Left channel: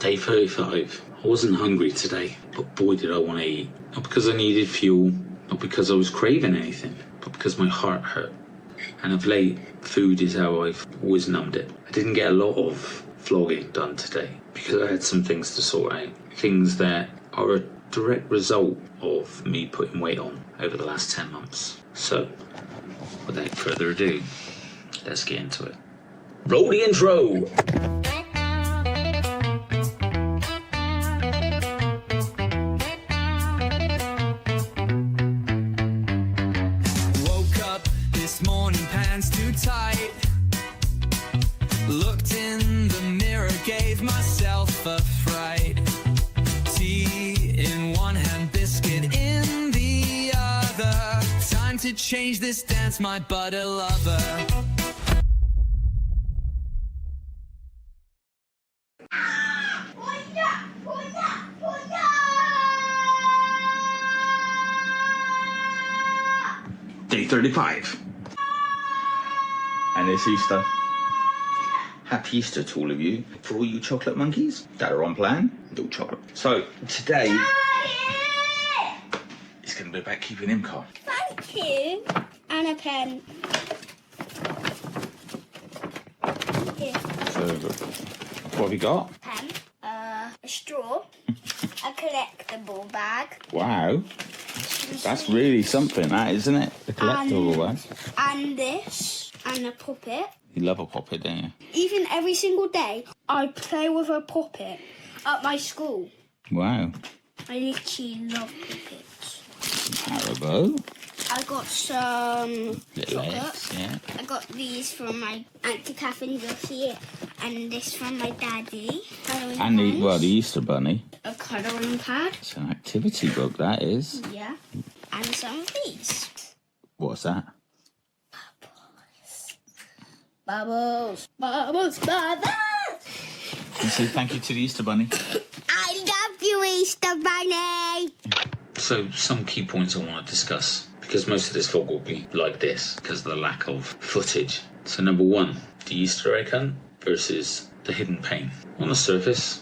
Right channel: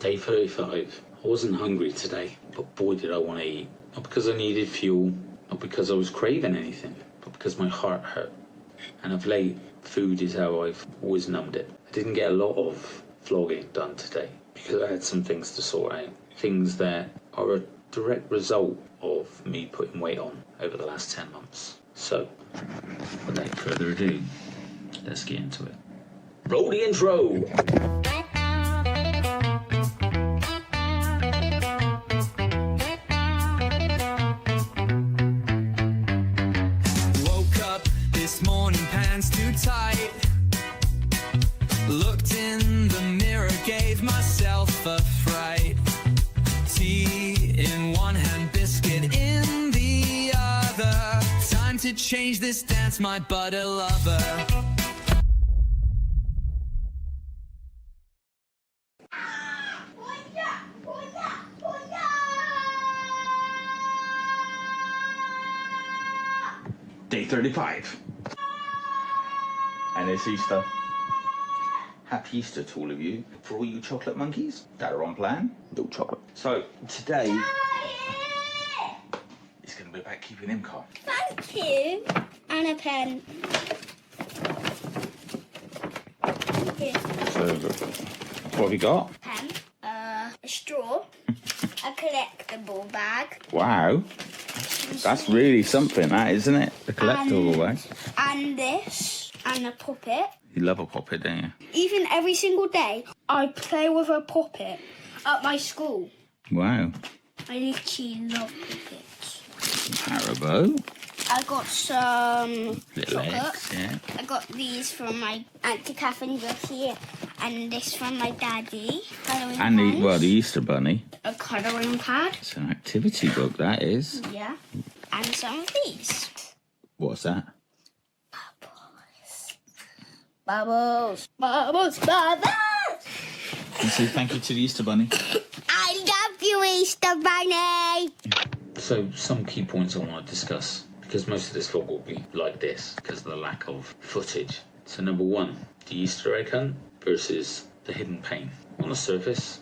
Day 35. I wasn't hungry today, but boy did I want to eat. Not because I needed fuel, not because I was craving anything, but because my heart hurt. And of late, food is how I've always numbed it. I didn't get a lot of vlogging done today because I had some things to sort out. Things that are a direct result of me putting weight on over the last 10 months. So, without further ado, let's get into it. Roll the intro! Morning pants too tight. Looked in the mirror, gave myself a fright. Tea in one hand, biscuit in the other. Time to change this dance, my butter lover. Day 35. And it's Easter. Happy Easter to all of you. For all you chocolate monkeys that are on plan, no chocolate. So today, it's going to be about keeping him calm. Thank you. And a pen. Here. So, what have you got? Pen. A straw. A collectible bag. Wow. That's really something, that, isn't it? The collectible bag. And this. And a puppet. You love a puppet, don't you? Even every single day, I play with a puppet at my school. Wow. I literally love puppets. Haribo. I got some Little chocolate. eggs, yeah. I got these from my Auntie Catherine here, and this from my daddy. And the Easter Bunny. A colouring pad. It's an activity book, that is. Yeah. And some of these. What's that? Bubbles. Bubbles. Bubbles. Can you say thank you to the Easter Bunny? I love you, Easter Bunny. So, some key points I want to discuss, because most of this vlog will be like this because of the lack of footage. So, number one, the Easter egg hunt versus the hidden pain. On the surface,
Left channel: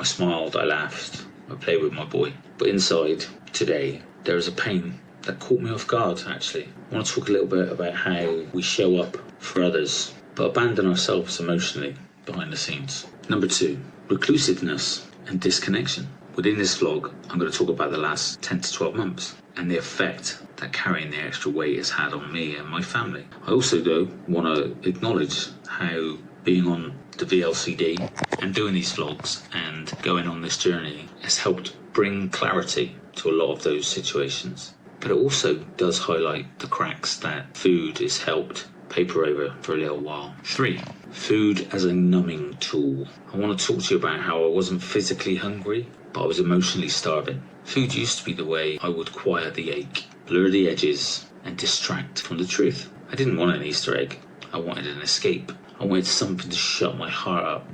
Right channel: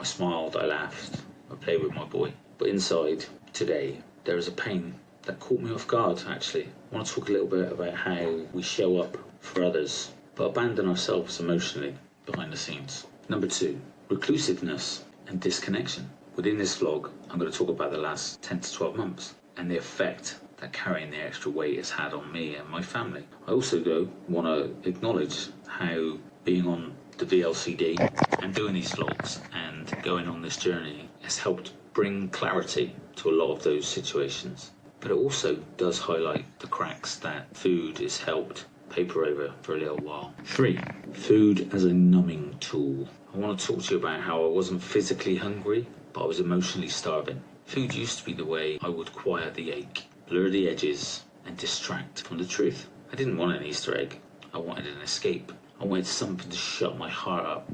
I smiled, I laughed, I played with my boy. But inside, today, there is a pain that caught me off guard, actually. I want to talk a little bit about how we show up for others, but abandon ourselves emotionally behind the scenes. Number two, reclusiveness and disconnection. Within this vlog, I'm going to talk about the last 10 to 12 months and the effect that carrying the extra weight has had on me and my family. I also, though, want to acknowledge how being on the VLCD and doing these vlogs and going on this journey has helped bring clarity to a lot of those situations. But it also does highlight the cracks that food has helped paper over for a little while. 3, food as a numbing tool. I want to talk to you about how I wasn't physically hungry, but I was emotionally starving. Food used to be the way I would quiet the ache, blur the edges, and distract from the truth. I didn't want an Easter egg. I wanted an escape. I wanted something to shut my heart up.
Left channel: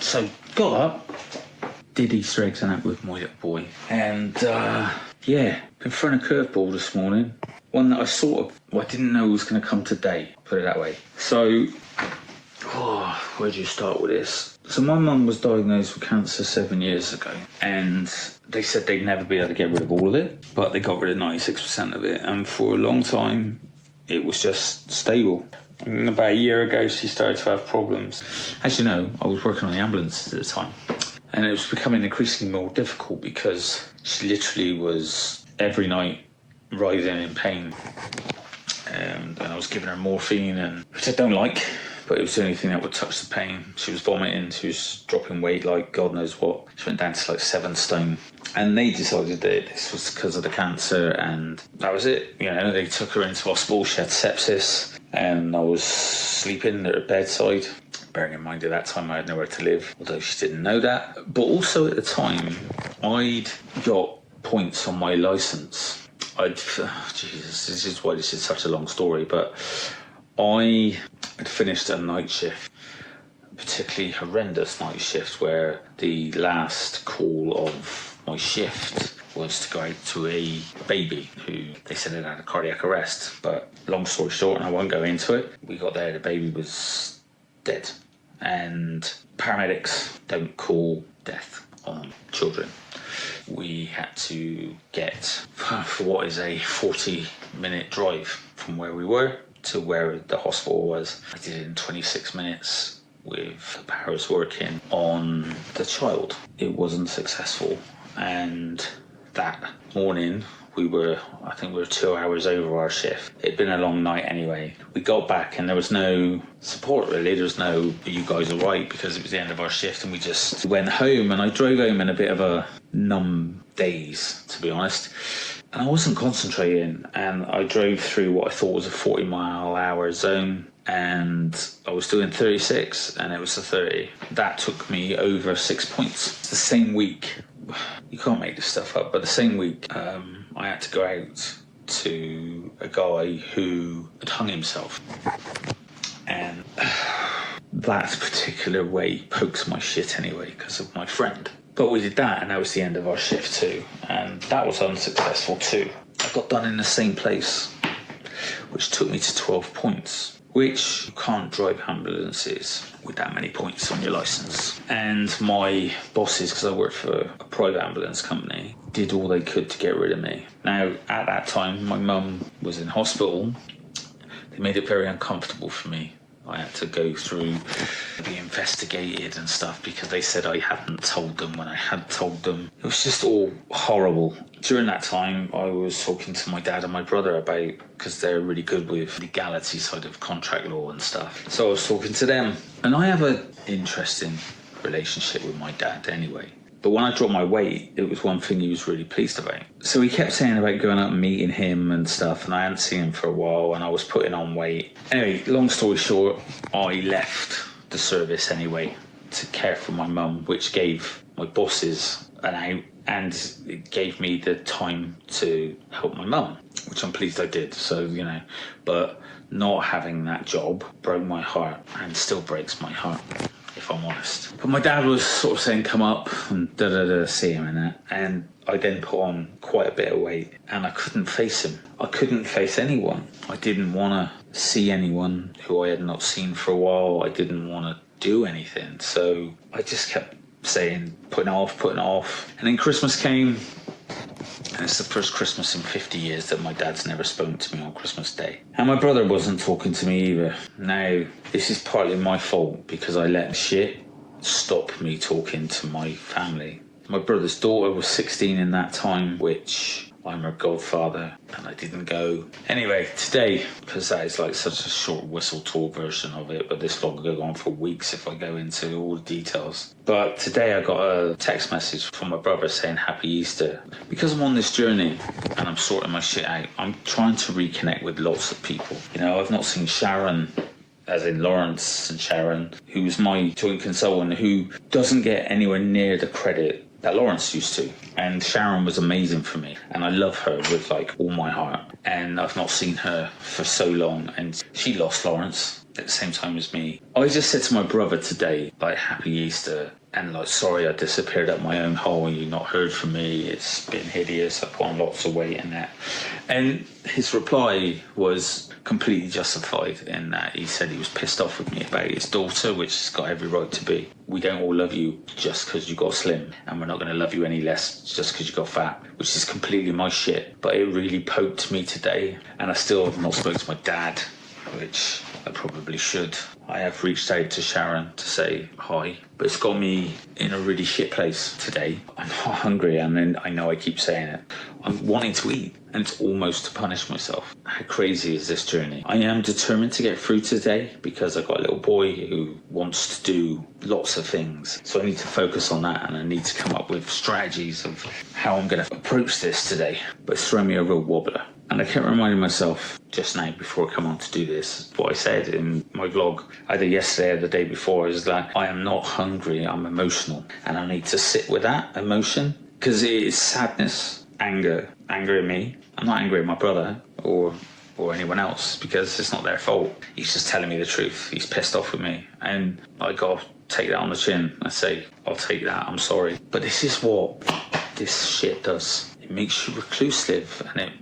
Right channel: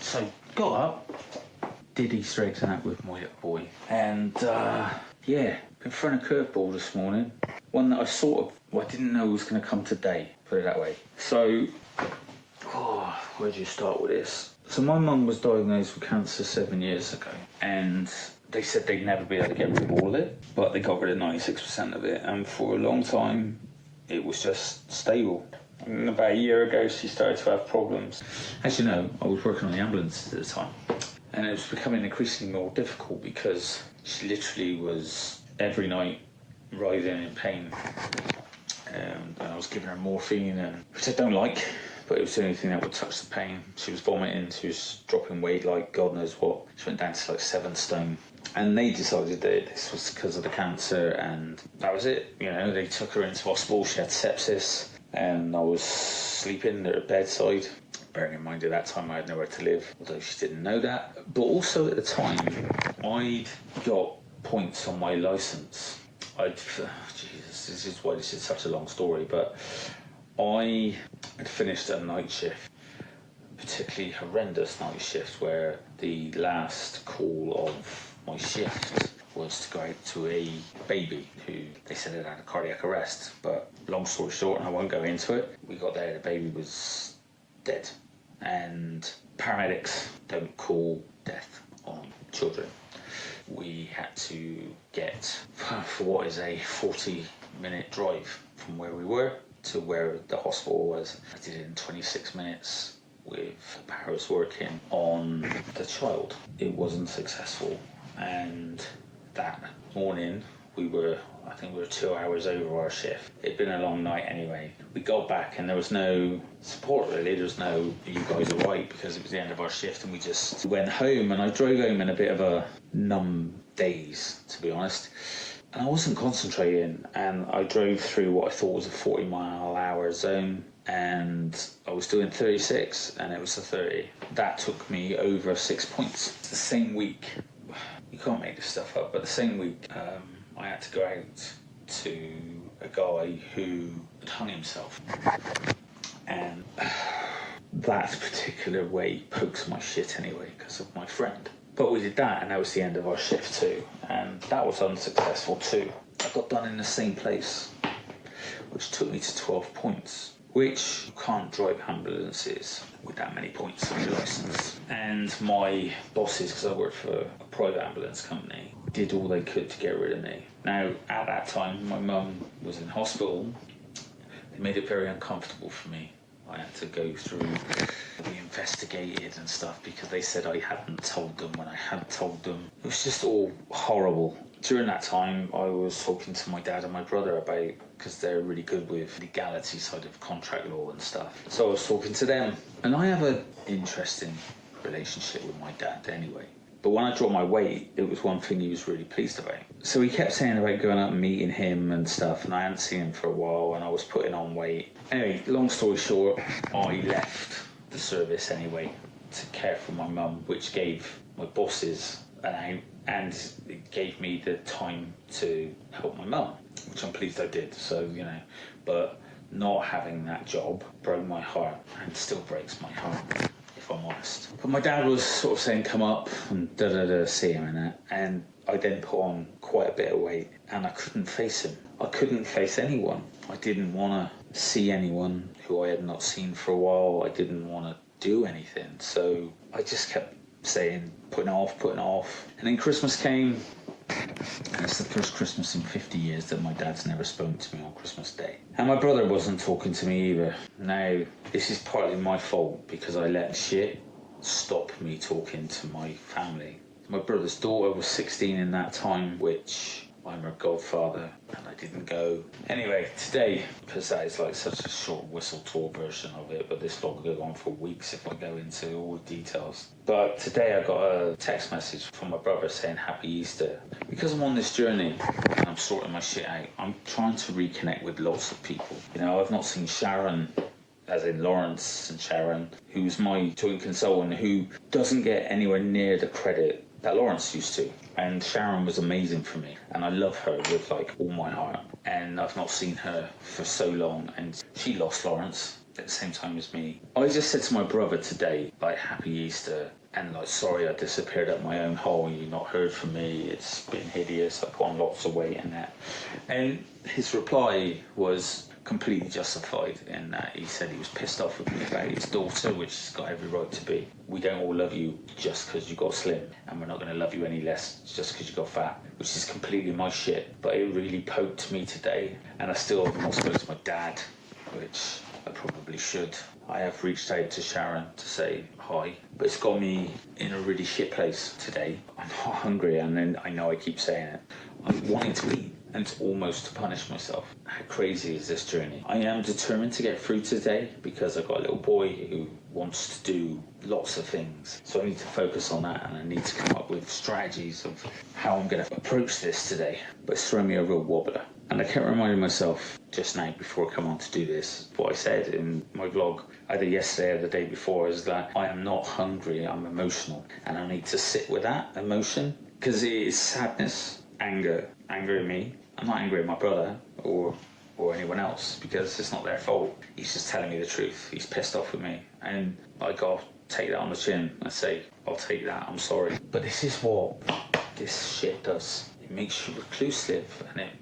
So, got up, did Easter eggs and that with my little boy. And, been thrown a curveball this morning. One that I didn't know was going to come today, put it that way. So, where do you start with this? So my mum was diagnosed with cancer 7 years ago, and they said they'd never be able to get rid of all of it, but they got rid of 96% of it, and for a long time, it was just stable. And about a year ago, she started to have problems. As you know, I was working on the ambulance at the time, and it was becoming increasingly more difficult because she literally was every night writhing in pain, and I was giving her morphine, which I don't like, but it was the only thing that would touch the pain. She was vomiting, she was dropping weight like God knows what. She went down to like 7 stone, and they decided that this was because of the cancer, and that was it. You know, they took her into hospital, she had sepsis, and I was sleeping at her bedside. Bearing in mind at that time I had nowhere to live, although she didn't know that. But also at the time, I'd got points on my licence. Jesus, this is why this is such a long story, but I had finished a night shift, a particularly horrendous night shift, where the last call of my shift was to go out to a baby who they said had had a cardiac arrest. But long story short, and I won't go into it, we got there, the baby was dead. And paramedics don't call death. children. We had to get for what is a 40-minute drive from where we were to where the hospital was. I did it in 26 minutes with the powers working on the child. It wasn't successful, and that morning I think we were 2 hours over our shift. It'd been a long night anyway. We got back and there was no support really. There was no, "Are you guys all right?" because it was the end of our shift, and we just went home, and I drove home in a bit of a numb daze, to be honest. And I wasn't concentrating, and I drove through what I thought was a 40-mile-an-hour zone, and I was doing 36 and it was a 30. That took me over 6 points. It's the same week. You can't make this stuff up, but the same week I had to go out to a guy who had hung himself, and that particular way pokes my shit anyway because of my friend. But we did that, and that was the end of our shift too, and that was unsuccessful too. I got done in the same place, which took me to 12 points. Which you can't drive ambulances with that many points on your licence. And my bosses, because I worked for a private ambulance company, did all they could to get rid of me. Now, at that time, my mum was in hospital. They made it very uncomfortable for me. I had to go through, be investigated and stuff because they said I hadn't told them when I had told them. It was just all horrible. During that time, I was talking to my dad and my brother about, because they're really good with legality side of contract law and stuff. So I was talking to them, and I have an interesting relationship with my dad anyway. But when I dropped my weight, it was one thing he was really pleased about. So he kept saying about going out and meeting him and stuff, and I hadn't seen him for a while, and I was putting on weight. Anyway, long story short, I left the service anyway to care for my mum, which gave my bosses an out, and it gave me the time to help my mum, which I'm pleased I did. So, you know, but not having that job broke my heart, and still breaks my heart, if I'm honest. But my dad was sort of saying, "Come up and see him," and that. And I then put on quite a bit of weight, and I couldn't face him. I couldn't face anyone. I didn't want to see anyone who I had not seen for a while. I didn't want to do anything. So I just kept saying, putting it off. And then Christmas came, and it's the first Christmas in 50 years that my dad's never spoken to me on Christmas Day. And my brother wasn't talking to me either. Now, this is partly my fault because I let shit stop me talking to my family. My brother's daughter was 16 in that time, which I'm her godfather, and I didn't go. Anyway, today, because that is like such a short whistle tour version of it, but this vlog will go on for weeks if I go into all the details. But today I got a text message from my brother saying Happy Easter. Because I'm on this journey and I'm sorting my shit out, I'm trying to reconnect with lots of people. You know, I've not seen Sharon, as in Lawrence and Sharon, who's my joint consultant, who doesn't get anywhere near the credit that Lawrence used to. And Sharon was amazing for me, and I love her with like all my heart. And I've not seen her for so long, and she lost Lawrence at the same time as me. I just said to my brother today, like, Happy Easter, and like, sorry I disappeared up my own hole and you not heard from me. It's been hideous. I put on lots of weight and that. And his reply was completely justified in that he said he was pissed off with me about his daughter, which has got every right to be. We don't all love you just because you got slim, and we're not going to love you any less just because you got fat, which is completely my shit. But it really poked me today, and I still have not spoken to my dad, which I probably should. I have reached out to Sharon to say hi, but it's got me in a really shit place today. I'm not hungry, and then I know I keep saying it. I'm wanting to eat, and it's almost to punish myself. How crazy is this journey? I am determined to get through today because I've got a little boy who wants to do lots of things. So I need to focus on that, and I need to come up with strategies of how I'm going to approach this today. But it's thrown me a real wobbler. And I kept reminding myself just now before I come on to do this, what I said in my vlog either yesterday or the day before, is that I am not hungry, I'm emotional. And I need to sit with that emotion, because it is sadness, anger at me. I'm not angry at my brother or anyone else, because it's not their fault. He's just telling me the truth. He's pissed off with me, and I got to take that on the chin. I say, I'll take that, I'm sorry. But this is what this shit does. It makes you reclusive, and it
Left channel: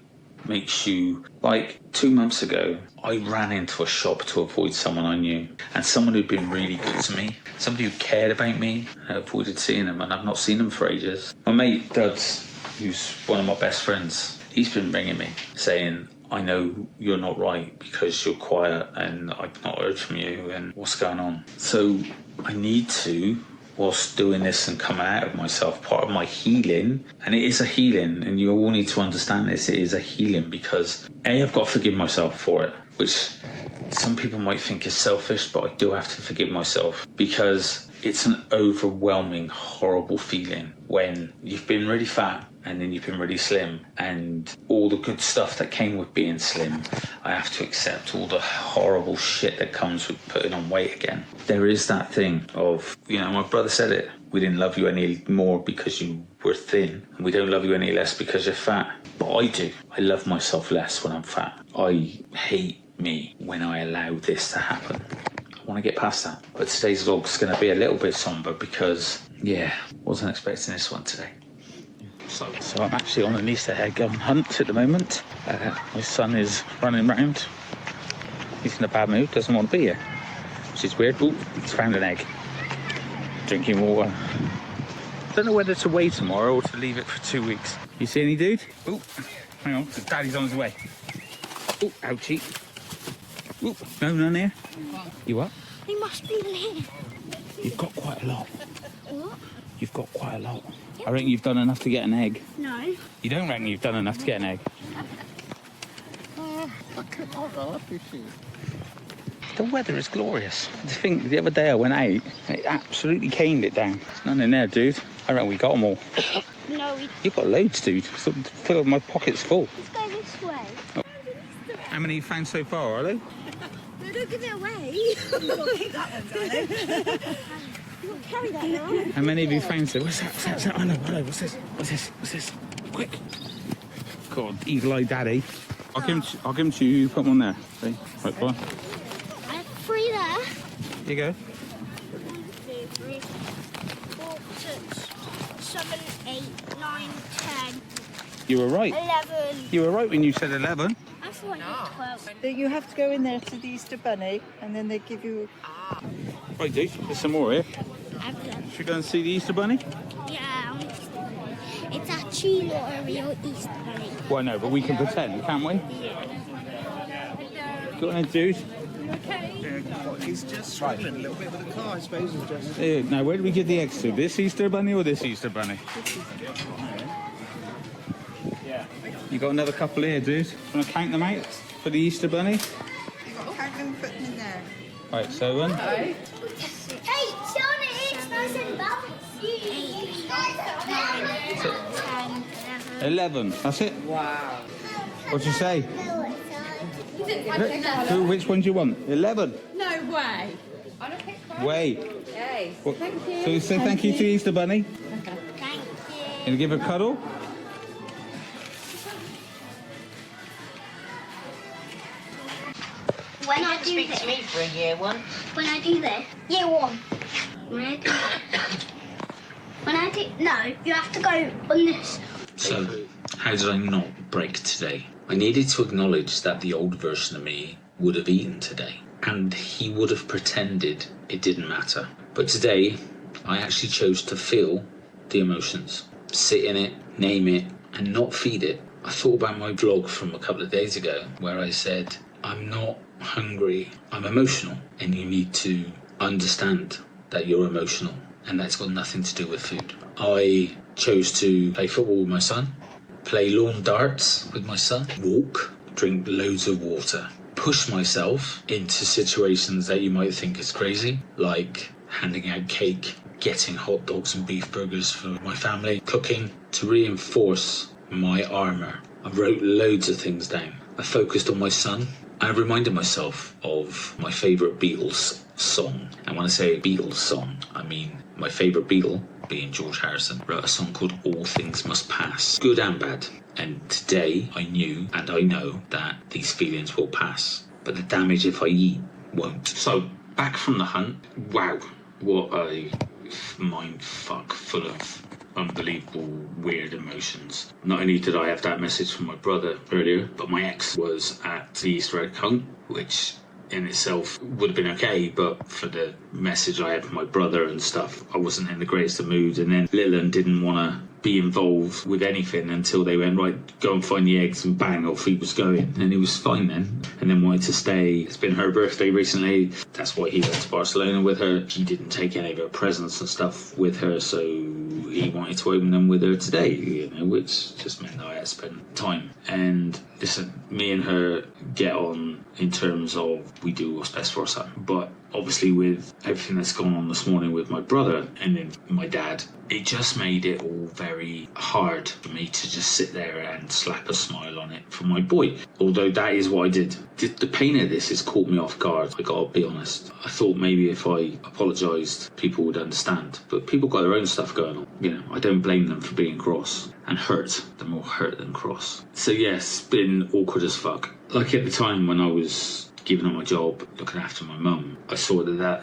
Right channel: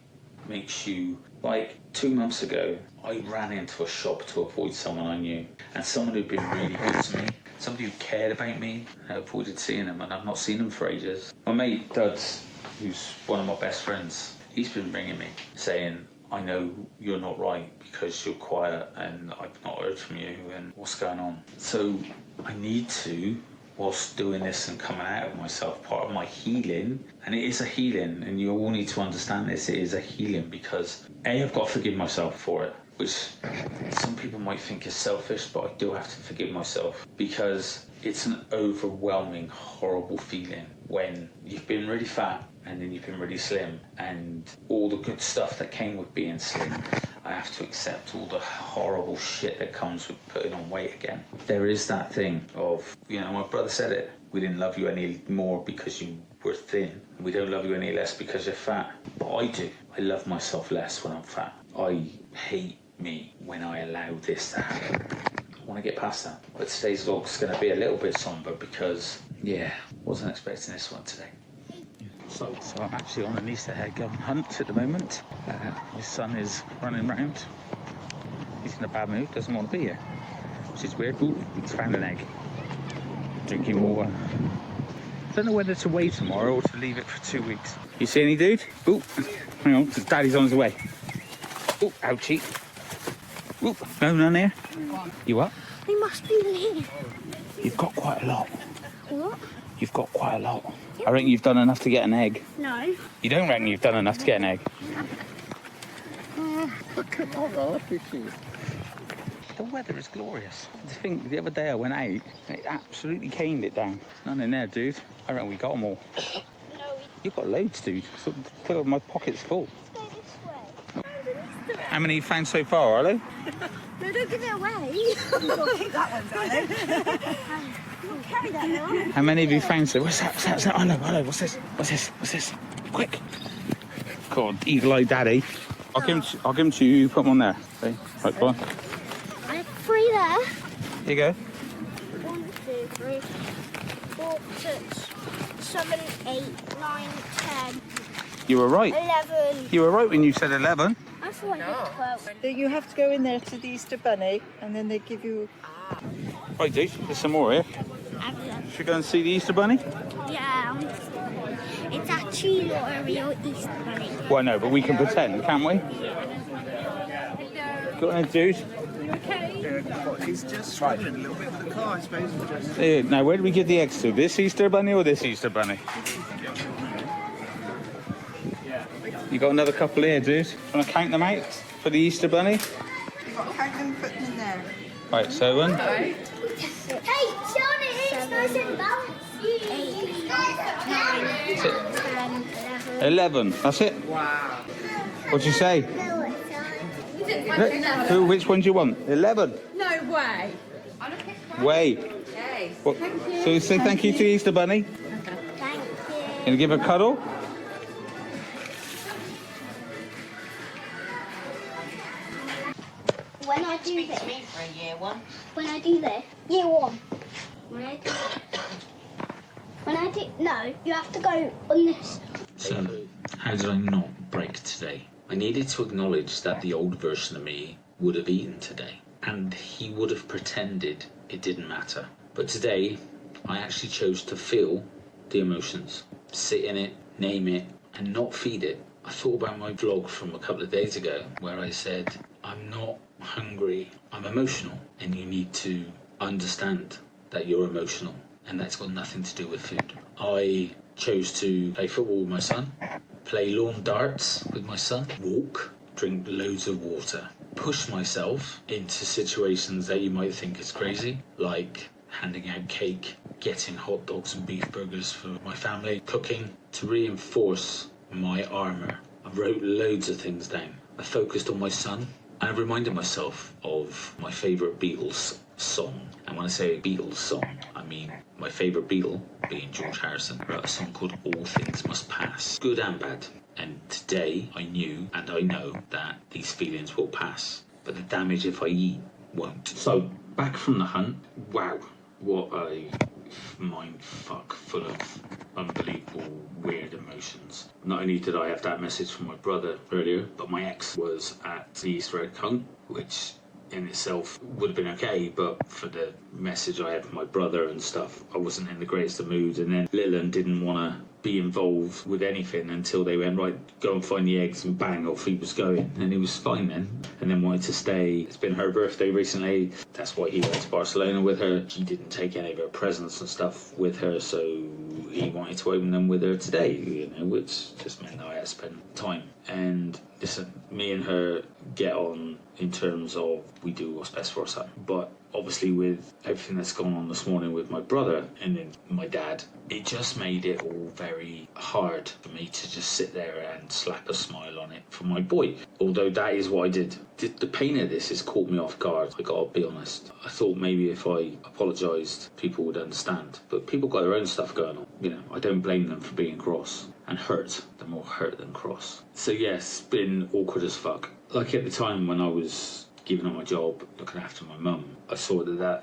makes you, like 2 months ago, I ran into a shop to avoid someone I knew, and someone who'd been really good to me, somebody who cared about me. I avoided seeing them, and I've not seen them for ages. My mate Duds, who's one of my best friends, he's been ringing me saying, I know you're not right because you're quiet and I've not heard from you and what's going on. So I need to, whilst doing this and coming out of myself, part of my healing, and it is a healing, and you all need to understand this, it is a healing, because I've got to forgive myself for it, which some people might think is selfish, but I do have to forgive myself, because it's an overwhelming, horrible feeling when you've been really fat and then you've been really slim, and all the good stuff that came with being slim, I have to accept all the horrible shit that comes with putting on weight again. There is that thing of, my brother said it, we didn't love you any more because you were thin, and we don't love you any less because you're fat. But I do. I love myself less when I'm fat. I hate me when I allow this to happen. I want to get past that. But today's vlog's going to be a little bit somber because, wasn't expecting this one today. So I'm actually on an Easter egg hunt at the moment. My son is running around. He's in a bad mood, doesn't want to be here, which is weird. Ooh, he's found an egg. Drinking water. Don't know whether to wait tomorrow or to leave it for 2 weeks. You see any dude? Ooh, hang on, Daddy's on his way. Ooh, ouchie. Ooh, no, none here. You what? They must be here. You've got quite a lot. What? You've got quite a lot. I reckon you've done enough to get an egg. No. You don't reckon you've done enough to get an egg? Look at all the The weather is glorious. I think the other day I went out, it absolutely caned it down. There's none in there, dude. I reckon we got them all. No, we... You've got loads, dude. So fill my pockets full. Let's go this way. How many you found so far, Arlo? No, don't give it away. Keep that one, darling. Carry that now. How many have you found so? What's that? What's that? Arlo, what's this? What's this? What's this? Quick. God, eagle-eyed daddy. I'll give him to you. Put them on there. See? Right, go on. I have 3 there. Here you go. 1, 2, 3, 4, 6, 7, 8, 9, 10, You were right. 11. You were right when you said 11. I thought I did 12. You have to go in there to the Easter Bunny and then they give you... Right, dude. There's some more here. Should we go and see the Easter Bunny? Yeah, it's actually not a real Easter bunny. Well, no, but we can pretend, can't we? Go on, dude. He's just swapping a little bit of the car, I suppose. Now, where do we give the eggs to? This Easter Bunny or this Easter Bunny? You got another couple here, dude. Want to count them out for the Easter Bunny? You've got to count them and put them in there. Right, so 1. Hey, Johnny, it's nice and balanced. 8, 9, 10, 11. That's it? What'd you say? Who? Which one do you want? 11. No way. Wait. What? So say thank you to Easter Bunny. Thank you. Can you give her a cuddle? When I do this, Me for a year one. when I do this, year 1. When I do, no, you have to go on this. So, how did I not break today? I needed to acknowledge that the old version of me would have eaten today, and he would have pretended it didn't matter. But today, I actually chose to feel the emotions, sit in it, name it, and not feed it. I thought about my vlog from a couple of days ago, where I said, I'm not hungry, I'm emotional, and you need to understand that you're emotional, and that's got nothing to do with food. I chose to play football with my son, play lawn darts with my son, walk, drink loads of water, push myself into situations that you might think is crazy, like handing out cake, getting hot dogs and beef burgers for my family, cooking, to reinforce my armour. I wrote loads of things down. I focused on my son. I reminded myself of my favourite Beatles song. And when I say Beatles song, I mean my favourite Beatle, being George Harrison, wrote a song called All Things Must Pass, good and bad. And today I knew and I know that these feelings will pass, but the damage if I eat won't. So, back from the hunt. Wow, what a mind fuck full of unbelievable, weird emotions. Not only did I have that message from my brother earlier, but my ex was at the Easter egg hunt, which in itself would have been okay, but for the message I had from my brother and stuff, I wasn't in the greatest of moods. And then Lillian didn't want to be involved with anything until they went, right, go and find the eggs, and bang, off he was going. And he was fine then, and then wanted to stay. It's been her birthday recently, that's why he went to Barcelona with her. He didn't take any of her presents and stuff with her, so he wanted to open them with her today, you know, which just meant I had to spend time. And listen, me and her get on in terms of we do what's best for our son. But obviously with everything that's gone on this morning with my brother and then my dad, it just made it all very hard for me to just sit there and slap a smile on it for my boy. Although that is what I did. The pain of this has caught me off guard, I gotta be honest. I thought maybe if I apologised, people would understand. But people got their own stuff going on. You know, I don't blame them for being cross and hurt. They're more hurt than cross. So yes, it's been awkward as fuck. Like at the time when I was giving up my job, looking after my mum, I saw that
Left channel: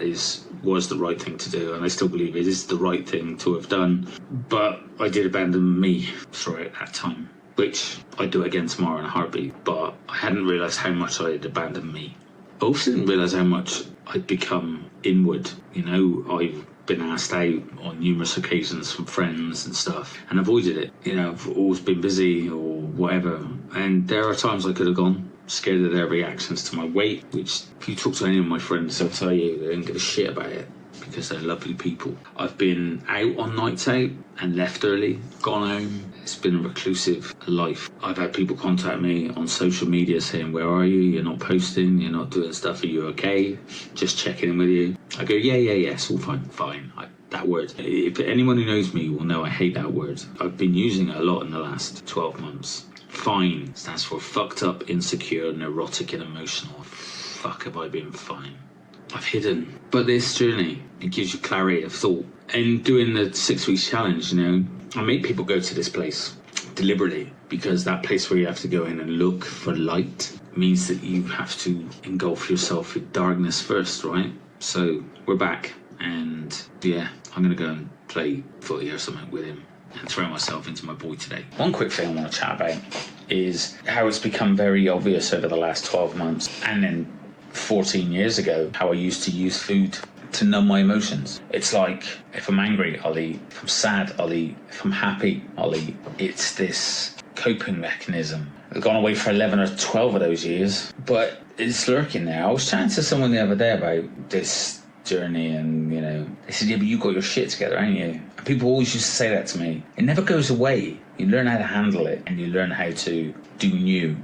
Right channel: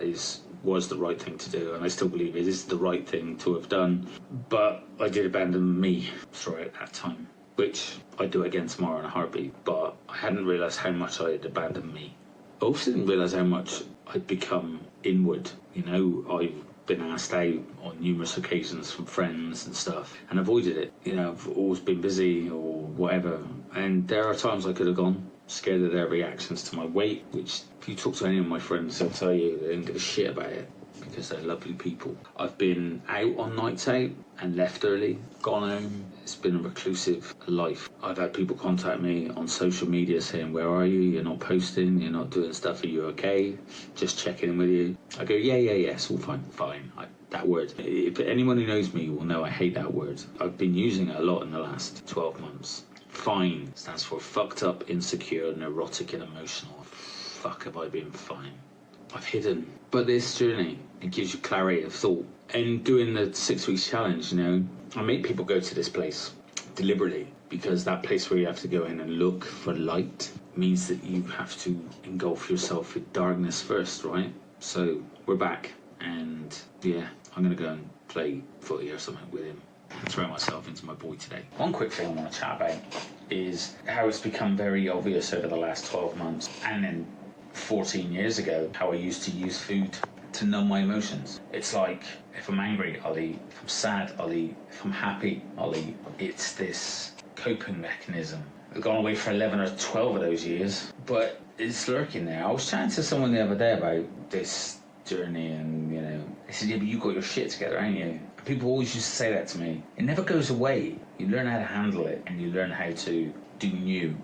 was the right thing to do, and I still believe it is the right thing to have done. But I did abandon me throughout that time, which I'd do again tomorrow in a heartbeat. But I hadn't realised how much I had abandoned me. I also didn't realise how much I'd become inward. You know, I've been asked out on numerous occasions from friends and stuff and avoided it. You know, I've always been busy or whatever, and there are times I could have gone, scared of their reactions to my weight, which if you talk to any of my friends, they'll tell you they don't give a shit about it because they're lovely people. I've been out on nights out and left early, gone home. It's been a reclusive life. I've had people contact me on social media saying, where are you? You're not posting, you're not doing stuff, are you okay? Just checking in with you. I go, yeah, it's all fine. That word, if anyone who knows me will know I hate that word. I've been using it a lot in the last 12 months. Fine stands for fucked up, insecure, neurotic and emotional. Fuck, have I been fine? I've hidden. But this journey, it gives you clarity of thought. And doing the 6 weeks challenge, you know, I make people go to this place deliberately, because that place where you have to go in and look for light means that you have to engulf yourself with darkness first, right? So we're back, and yeah, I'm gonna go and play footy or something with him and throw myself into my boy today. One quick thing I want to chat about is how it's become very obvious over the last 12 months and then 14 years ago how I used to use food to numb my emotions. It's like, if I'm angry, I'll eat. If I'm sad, I'll eat. If I'm happy, I'll eat. It's this coping mechanism. I've gone away for 11 or 12 of those years, but it's lurking there. I was chatting to someone the other day about this journey, and you know, they said, yeah, but you got your shit together, ain't you? And people always used to say that to me. It never goes away. You learn how to handle it and you learn how to do new,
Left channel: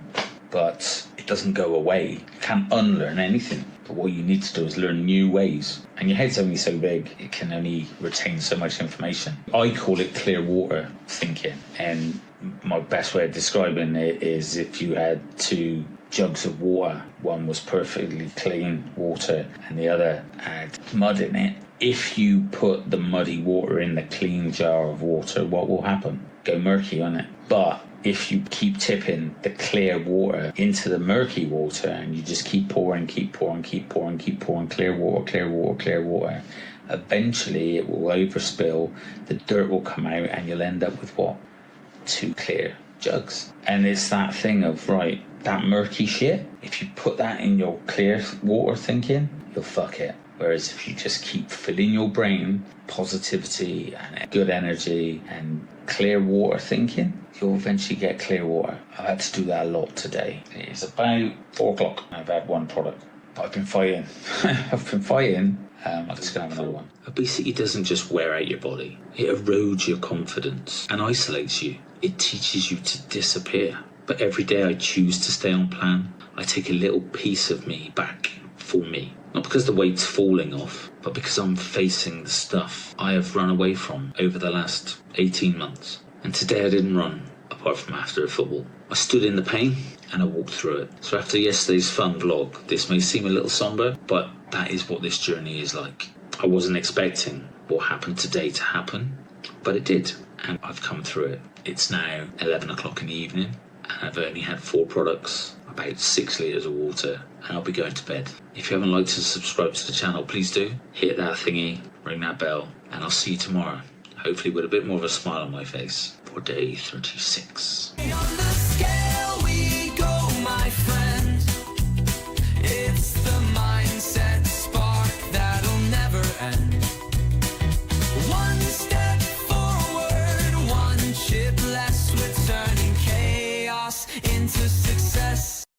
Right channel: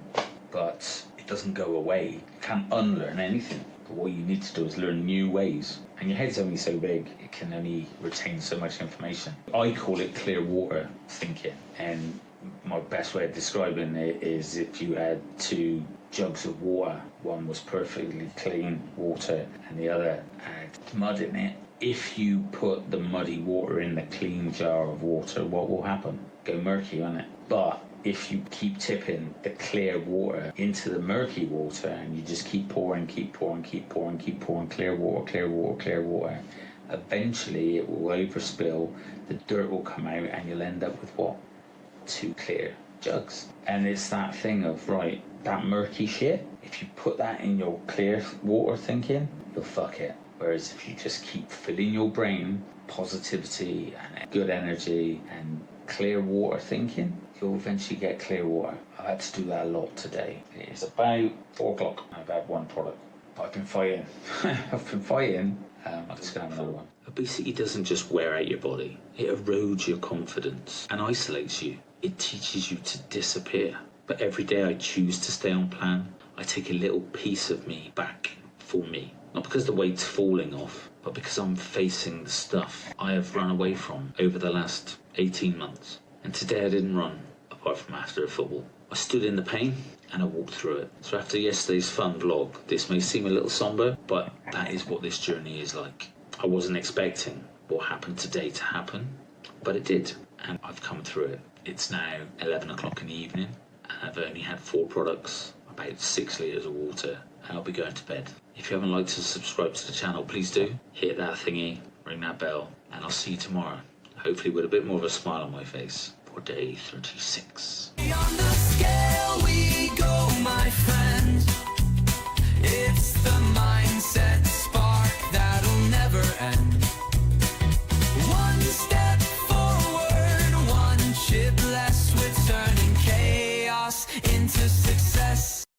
but it doesn't go away. You can't unlearn anything. But what you need to do is learn new ways. And your head's only so big, it can only retain so much information. I call it clear water thinking. And my best way of describing it is if you had two jugs of water, one was perfectly clean water and the other had mud in it. If you put the muddy water in the clean jar of water, what will happen? Go murky, won't it? But if you keep tipping the clear water into the murky water and you just keep pouring clear water, eventually it will overspill, the dirt will come out, and you'll end up with what? Two clear jugs. And it's that thing of, right, that murky shit, if you put that in your clear water thinking, you'll fuck it. Whereas if you just keep filling your brain positivity and good energy and clear water thinking, you'll eventually get clear water. I've had to do that a lot today. It's about 4 o'clock. I've had one product, but I've been fighting. I'm just going to have another one. Obesity doesn't just wear out your body. It erodes your confidence and isolates you. It teaches you to disappear. But every day I choose to stay on plan. I take a little piece of me back for me. Not because the weight's falling off, but because I'm facing the stuff I have run away from over the last 18 months. And today I didn't run, apart from after the football. I stood in the pain and I walked through it. So after yesterday's fun vlog, this may seem a little somber, but that is what this journey is like. I wasn't expecting what happened today to happen, but it did. And I've come through it. It's now 11 o'clock in the evening, and I've only had 4 products, about 6 litres of water, and I'll be going to bed. If you haven't liked and subscribed to the channel, please do. Hit that thingy, ring that bell, and I'll see you tomorrow. hopefully with a bit more of a smile on my face, for day 36. On the scale we go, my friend. It's the mindset spark that'll never end. One step forward, one chip less, we're turning chaos into success.